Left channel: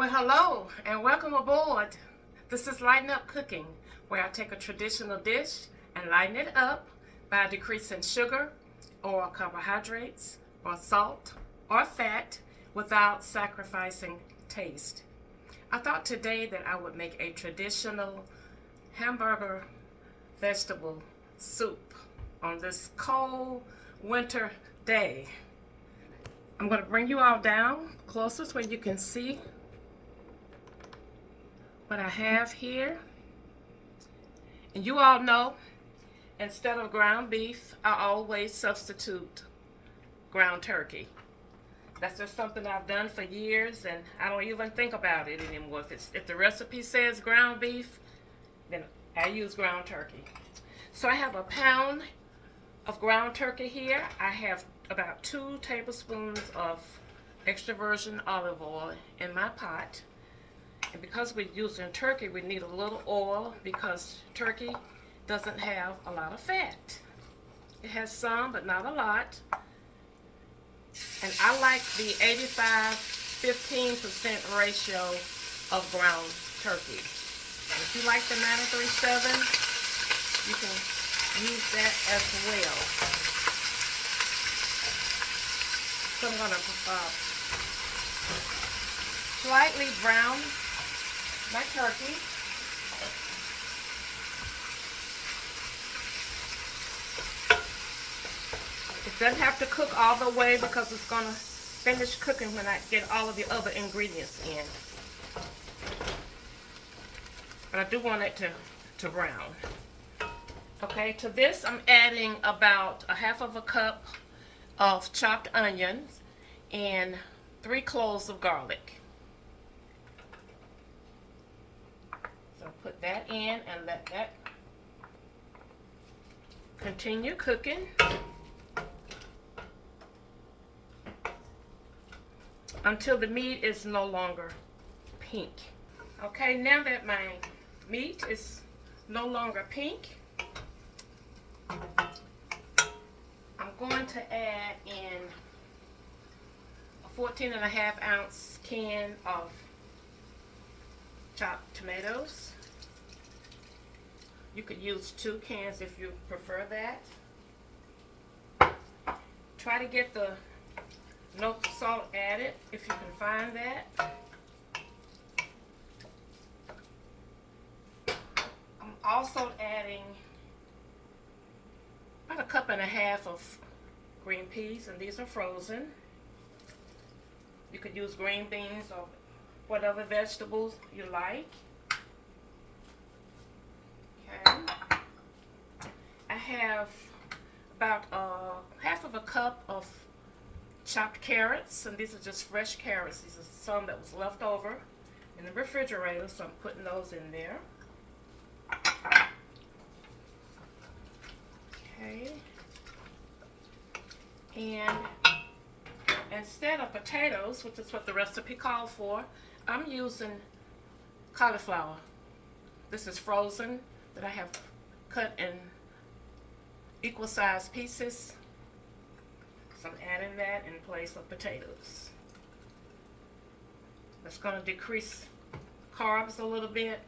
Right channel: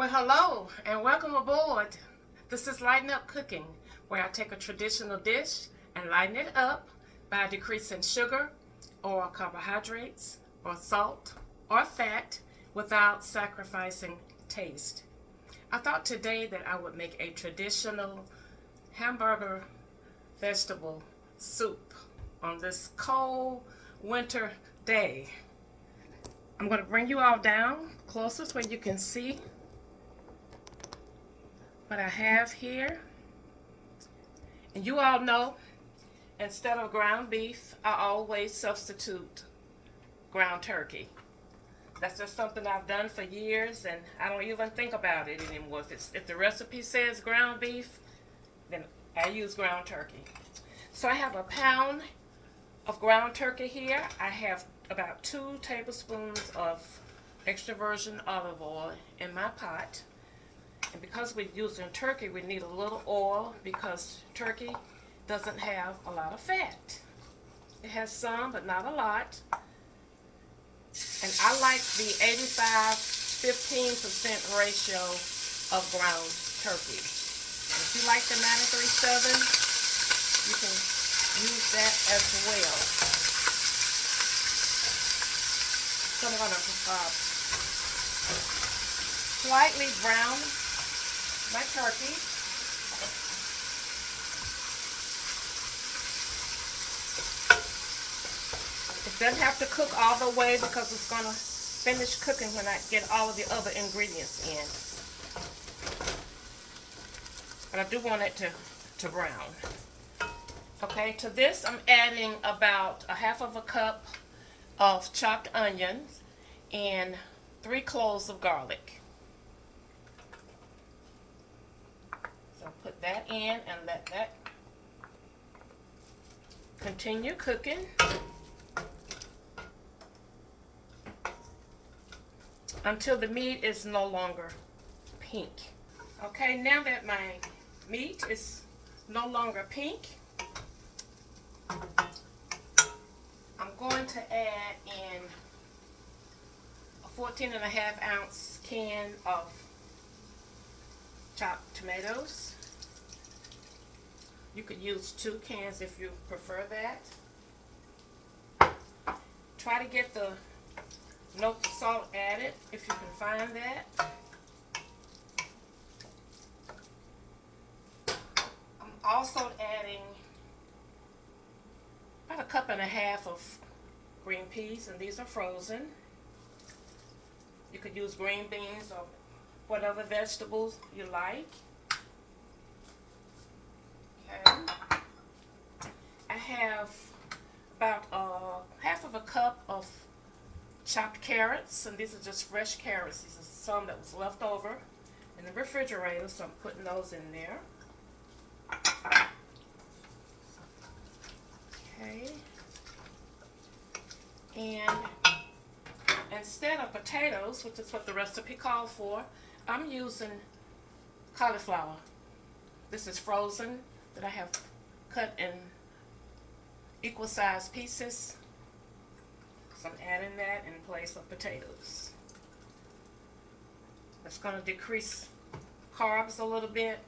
Well, hello and welcome aboard. This is Lighten Up Cooking, where I take a traditional dish and lighten it up by decreasing sugar or carbohydrates or salt or fat without sacrificing taste. I thought today that I would make a traditional hamburger vegetable soup on this cold winter day. I'm going to bring you all down closest where you can see what I have here. And you all know, instead of ground beef, I always substitute ground turkey. That's just something I've done for years, and I don't even think about it anymore. If the recipe says ground beef, then I use ground turkey. So I have a pound of ground turkey here. I have about 2 tablespoons of extra virgin olive oil in my pot. And because we're using turkey, we need a little oil because turkey doesn't have a lot of fat. It has some, but not a lot. And I like the 85-15% ratio of ground turkey. And if you like the 937, you can use that as well. So I'm going to slightly brown my turkey. It doesn't have to cook all the way because it's going to finish cooking when I get all of the other ingredients in. But I do want it to brown. Okay, to this I'm adding about a half of a cup of chopped onions and 3 cloves of garlic. So put that in and let that continue cooking until the meat is no longer pink. Okay, now that my meat is no longer pink, I'm going to add in a 14.5-ounce can of chopped tomatoes. You could use 2 cans if you prefer that. Try to get the no salt added if you can find that. I'm also adding about 1.5 cups of green peas, and these are frozen. You could use green beans or whatever vegetables you like. Okay. I have about half of a cup of chopped carrots, and these are just fresh carrots. These are some that was left over in the refrigerator, so I'm putting those in there. Okay. And instead of potatoes, which is what the recipe called for, I'm using cauliflower. This is frozen that I have cut in equal sized pieces. So I'm adding that in place of potatoes. That's going to decrease carbs a little bit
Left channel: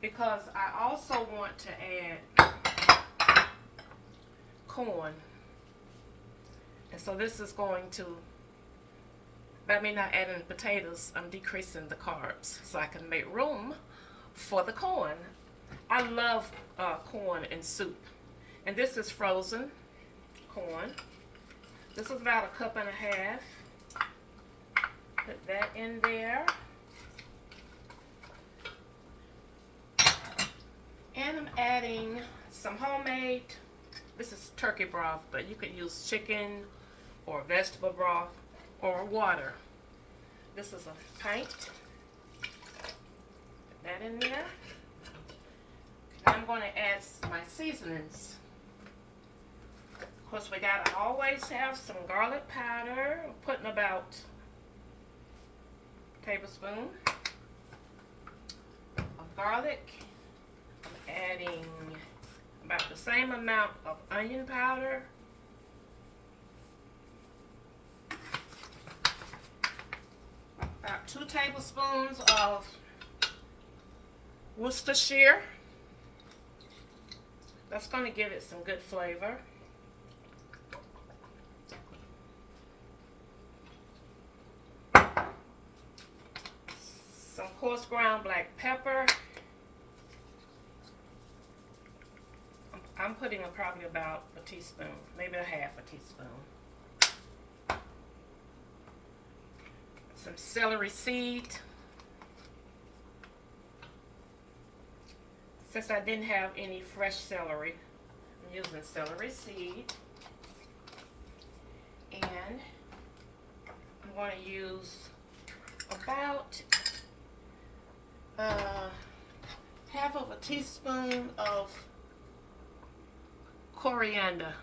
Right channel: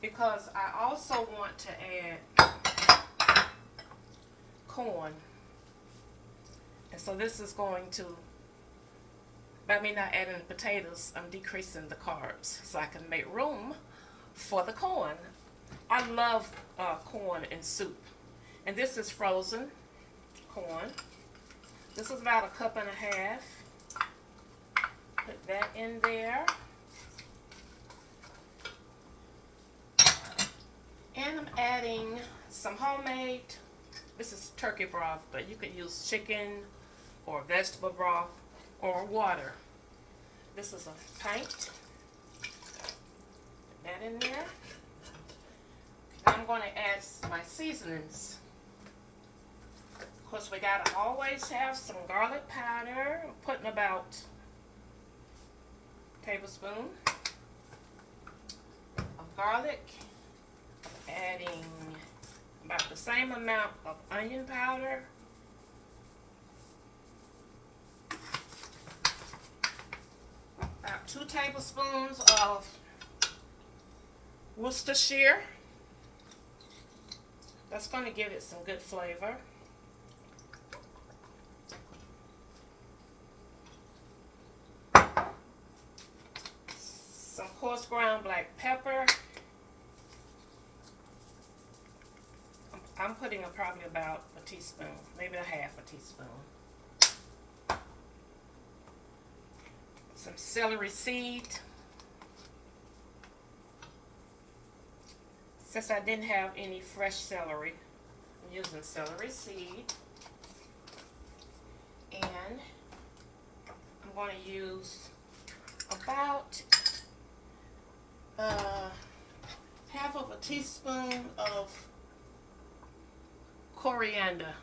because I also want to add corn. And so this is going to, by me not adding potatoes, I'm decreasing the carbs so I can make room for the corn. I love corn in soup. And this is frozen corn. This is about 1.5 cups. Put that in there. And I'm adding some homemade, this is turkey broth, but you could use chicken or vegetable broth or water. This is a pint. Put that in there. And I'm going to add my seasonings. Of course, we gotta always have some garlic powder. I'm putting about a tablespoon of garlic. I'm adding about the same amount of onion powder. 2 tablespoons of Worcestershire. That's going to give it some good flavor. Some coarse ground black pepper. I'm putting probably about a teaspoon, maybe a half a teaspoon. Some celery seed. Since I didn't have any fresh celery, I'm using celery seed. And I'm going to use about half of a teaspoon of coriander.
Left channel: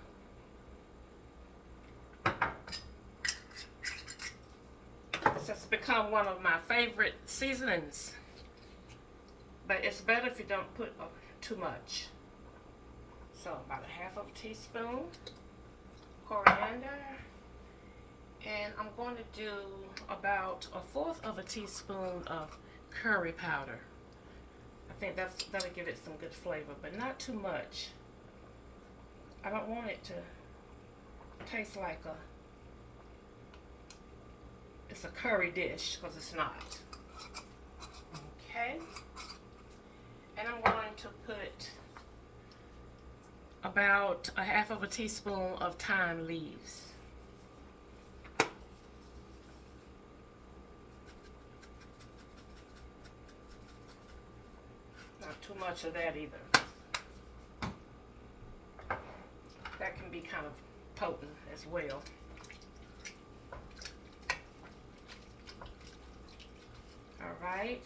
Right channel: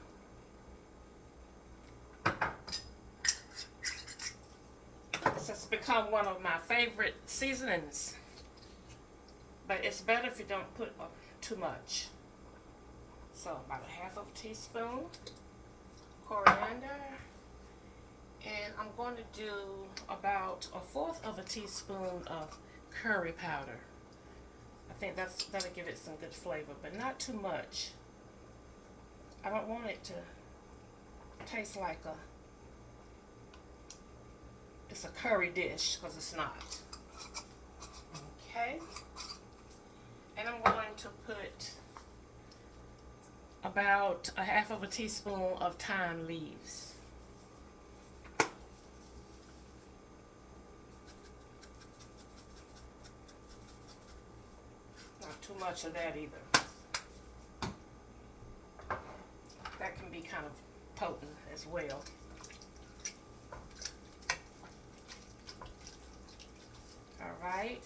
This has become one of my favorite seasonings, but it's better if you don't put too much. So about a half of a teaspoon coriander, and I'm going to do about a fourth of a teaspoon of curry powder. I think that'll give it some good flavor, but not too much. I don't want it to taste like it's a curry dish, because it's not. Okay. And I'm going to put about a half of a teaspoon of thyme leaves. Not too much of that either. That can be kind of potent as well. All right.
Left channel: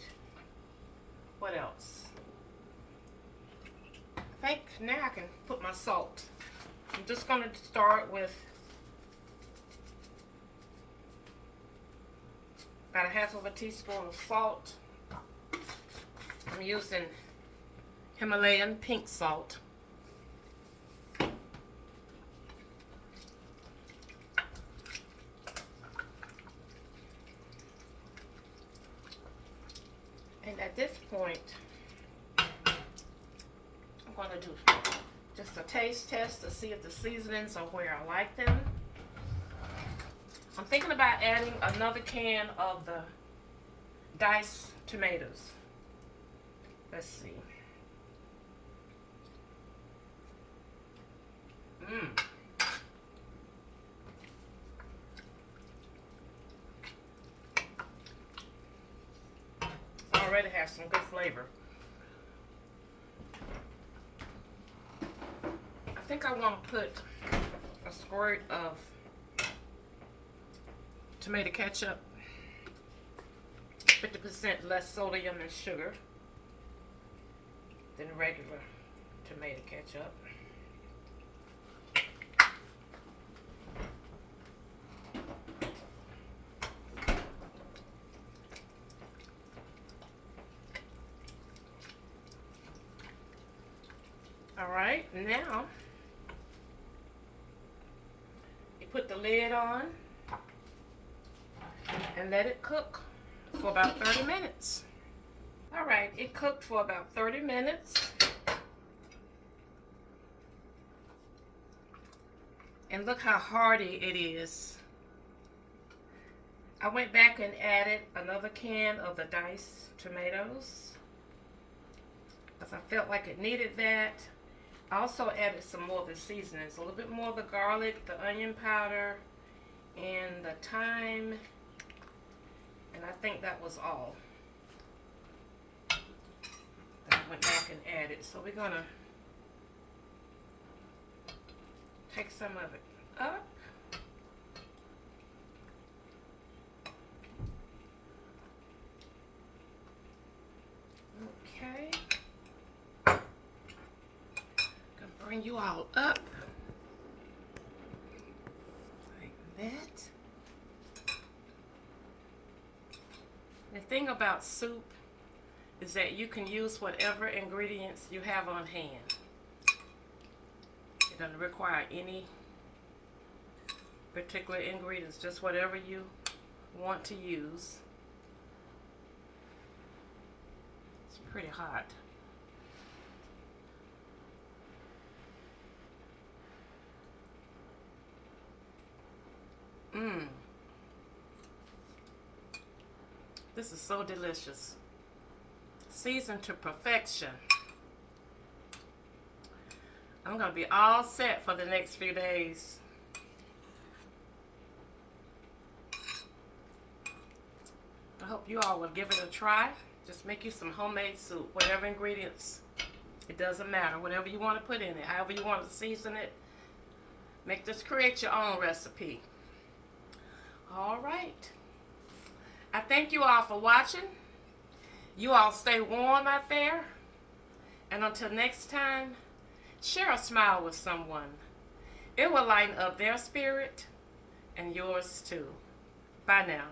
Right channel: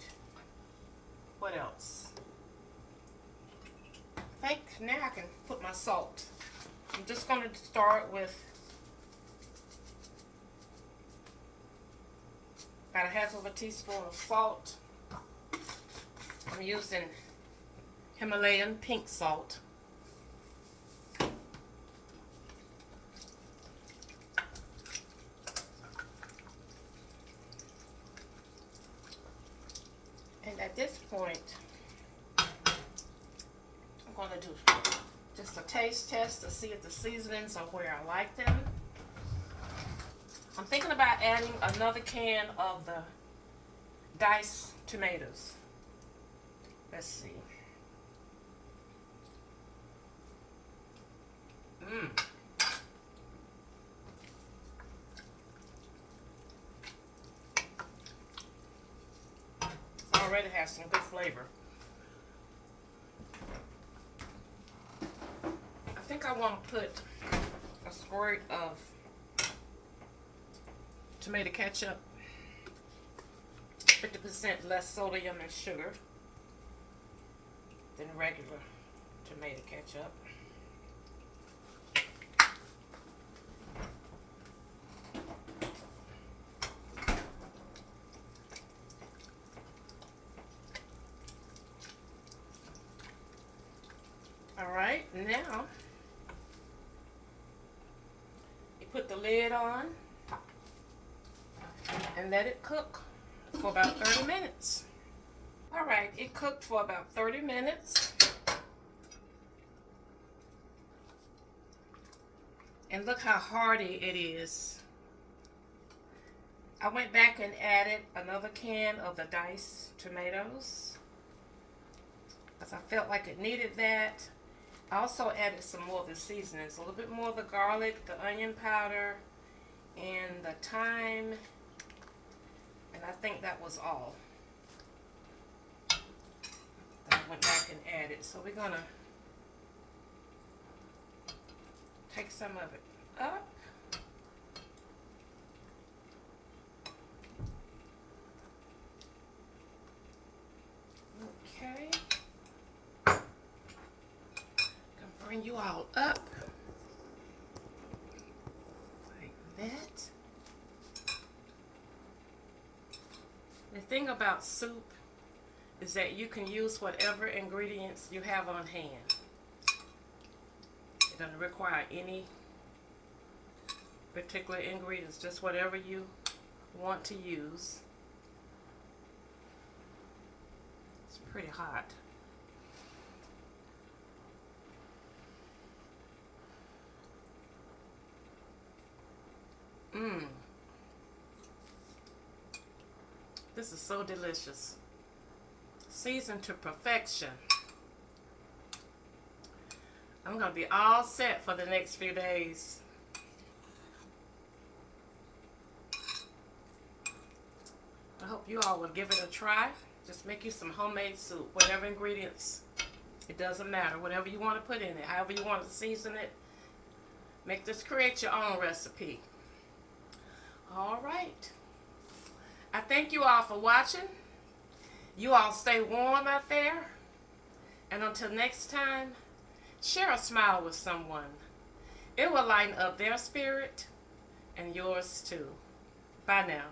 What else? I think now I can put my salt. I'm just going to start with about a half of a teaspoon of salt. I'm using Himalayan pink salt. And at this point, I'm going to do just a taste test to see if the seasonings are where I like them. I'm thinking about adding another can of the diced tomatoes. Let's see. Already has some good flavor. I think I want to put a squirt of tomato ketchup, 50% less sodium and sugar than regular tomato ketchup. All right, now you put the lid on and let it cook for about 30 minutes. All right, it cooked for about 30 minutes. And look how hearty it is. I went back and added another can of the diced tomatoes because I felt like it needed that. I also added some more of the seasonings, a little bit more of the garlic, the onion powder, and the thyme, and I think that was all that I went back and added. So we're gonna take some of it up. Okay. Bring you all up like that. The thing about soup is that you can use whatever ingredients you have on hand. It doesn't require any particular ingredients, just whatever you want to use. pretty hot. Mmm. This is so delicious. Seasoned to perfection. I'm going to be all set for the next few days. I hope you all will give it a try. Just make you some homemade soup. Whatever ingredients, it doesn't matter. Whatever you want to put in it, however you want to season it. Create your own recipe. All right. I thank you all for watching. You all stay warm out there. And until next time, share a smile with someone. It will lighten up their spirit and yours too. Bye now.